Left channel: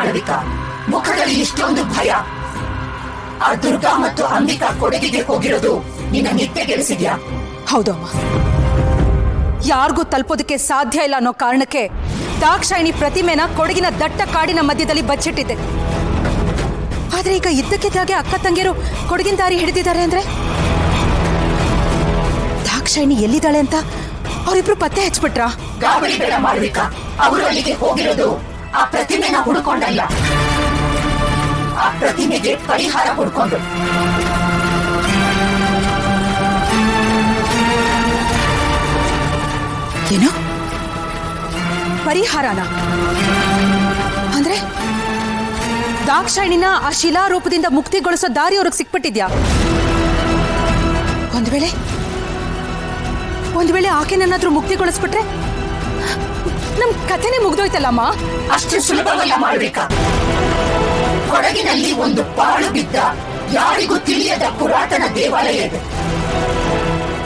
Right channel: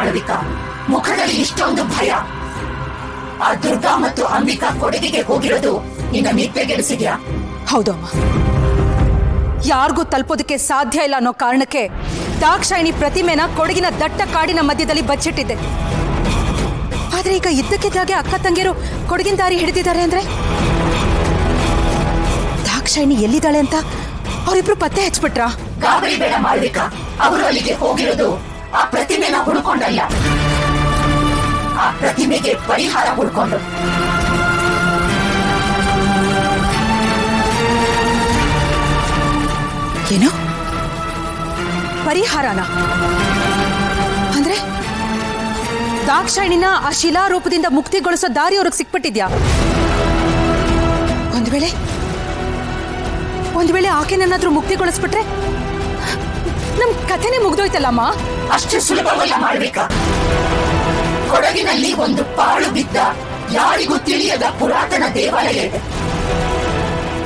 ಮಾಡಬೇಕಾ? ಮುಖದಲ್ಲಿ ಇಷ್ಟೊಂದು ಭಯ. ಆ ದುರ್ಗಾ ಮತ್ತು ಅಂಬಿಕಾ ಕೊಡಗಿಗೆ ಹೋಗಿರೋದು ನಿನ್ನ ನಿದ್ದೆಗೆಡಿಸಿದ್ಯಾ? ಹೌದು ಅಮ್ಮ, ಯಾರಿಗೂ ತಲುಪೋದಕ್ಕೆ ಸಾಧ್ಯ ಇಲ್ಲ ಅನ್ನೋ ಕಾರಣಕ್ಕೆ ದಾಕ್ಷಾಯಿಣಿ ಪ್ರತಿಮೆನ ಕೊಡಗಿನ ದಟ್ಟ ಕಾಡಿನ ಮಧ್ಯದಲ್ಲಿ ಬಚ್ಚಿಟ್ಟಿದ್ದೆ. ಆದ್ರೆ ಈಗ ಇದ್ದಕ್ಕಿದ್ದಾಗೆ ಅಕ್ಕ ತಂಗಿಯರು ಕೊಡಗಿನ ದಾರಿ ಹಿಡಿದಿದ್ದಾರೆ ಅಂದ್ರೆ ದಾಕ್ಷಾಯಿಣಿ ಎಲ್ಲಿದ್ದಾಳೆ ಅಂತ ಅವರಿಬ್ರು ಪತ್ತೆ ಹಚ್ಬಿಟ್ರಾ? ಗಾಬರಿ ಬೇಡ ಮಾಳ್ವಿಕಾ, ಅವರು ಅಲ್ಲಿಗೆ ಹೋಗಿರೋದು ಆ ಪ್ರತಿಮೆನ ಹುಡ್ಕೊಂಡಲ್ಲ, ಆ ಪ್ರತಿಮೆಗೆ ಪರಿಹಾರ ಹುಡ್ಕೊಂಡು. ಏನು ಪರಿಹಾರನ? ಅಂದ್ರೆ ದಾಕ್ಷಾಯಿಣಿನ ಆ ಶಿಲಾರೂಪದಿಂದ ಮುಕ್ತಿಗೊಳಿಸೋ ದಾರಿ ಅವ್ರಿಗೆ ಸಿಕ್ಬಿಟ್ಟಿದ್ಯಾ? ಒಂದ್ ವೇಳೆ ಆಕೆನನ್ನಾದ್ರೂ ಮುಕ್ತಿಗೊಳಿಸ್ಬಿಟ್ರೆ ನಮ್ ಕಥೆನೇ ಮುಗ್ದೋಯ್ತಲ್ಲಮ್ಮ. ಅಷ್ಟು ಸುಲಭವಲ್ಲ ಮಾಡ್ಬೇಕಾ? ಕೊಡಗಿನಲ್ಲಿ ಒಂದು ಪಾಳು ಬಿದ್ದ ಯಾರಿಗೂ ತಿಳಿಯದ ಪುರಾತನ ದೇವಾಲಯ ಇದೆ.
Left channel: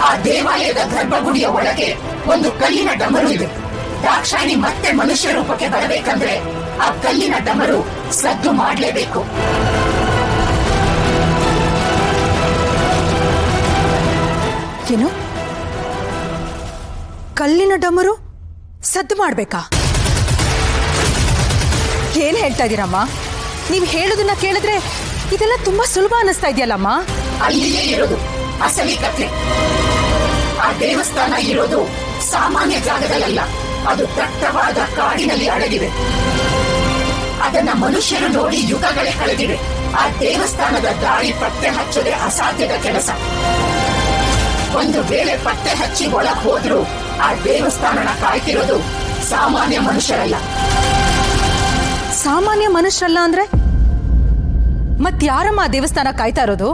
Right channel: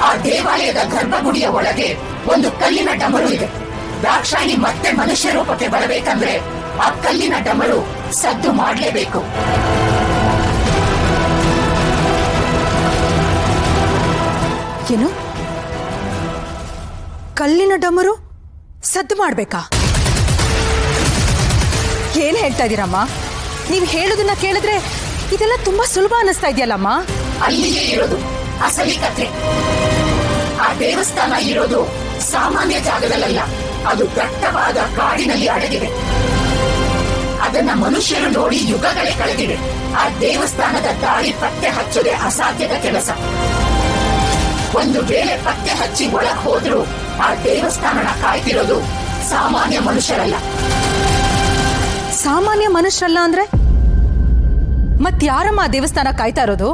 ಆ ದೇವಾಲಯದ ಗರ್ಭಗುಡಿಯ ಒಳಗೆ ಒಂದು ಕಲ್ಲಿನ ಡಮರು ಇದೆ. ದಾಕ್ಷಾಯಿಣಿ ಮತ್ತೆ ಮನುಷ್ಯ ರೂಪಕ್ಕೆ ಬರಬೇಕಂದ್ರೆ ಆ ಕಲ್ಲಿನ ಡಮರು ಸದ್ದು ಮಾಡಲೇಬೇಕು. ಏನು? ಕಲ್ಲಿನ ಡಮರು ಸದ್ದು ಮಾಡ್ಬೇಕಾ? ಏನ್ ಹೇಳ್ತಾ ಇದೀರಮ್ಮ? ನೀವ್ ಹೇಳೋದನ್ನ ಕೇಳಿದ್ರೆ ಇದೆಲ್ಲ ತುಂಬಾ ಸುಲಭ ಅನ್ನಿಸ್ತಾ ಇದೆಯಲ್ಲಮ್ಮ. ಅಲ್ಲಿಯೇ ಇರೋದು ಅಸಲಿ ಕಥೆ. ಆ ದೇವಸ್ಥಾನ ಇರೋದು ಸಾಮಾನ್ಯ ಜಾಗದಲ್ಲ, ಅದು ದಟ್ಟವಾದ ಕಾಡಿನಲ್ಲಿ ಅಡಗಿದೆ. ಅದನ್ನ ಮನುಷ್ಯರು ನೋಡಿ ಯುಗಗಳೇ ಕಳೆದಿವೆ. ಆ ದೇವಸ್ಥಾನದ ದಾರಿ ಪತ್ತೆ ಹಚ್ಚದೆ ಅಸಾಧ್ಯದ ಕೆಲಸ. ಒಂದು ವೇಳೆ ಪತ್ತೆ ಹಚ್ಚಿ ಒಳಗ್ ಹೋದ್ರೂ ಆ ದೇವಸ್ಥಾನನ ಕಾಯ್ತಿರೋದು ಸಾಮಾನ್ಯ ಮನುಷ್ಯರಲ್ಲ. ಸಾಮಾನ್ಯ ಮನುಷ್ಯರಲ್ಲ ಅಂದ್ರೆ ಮತ್ಯಾರಮ್ಮ ಆ ದೇವಸ್ಥಾನ ಕಾಯ್ತಾ ಇರೋದು?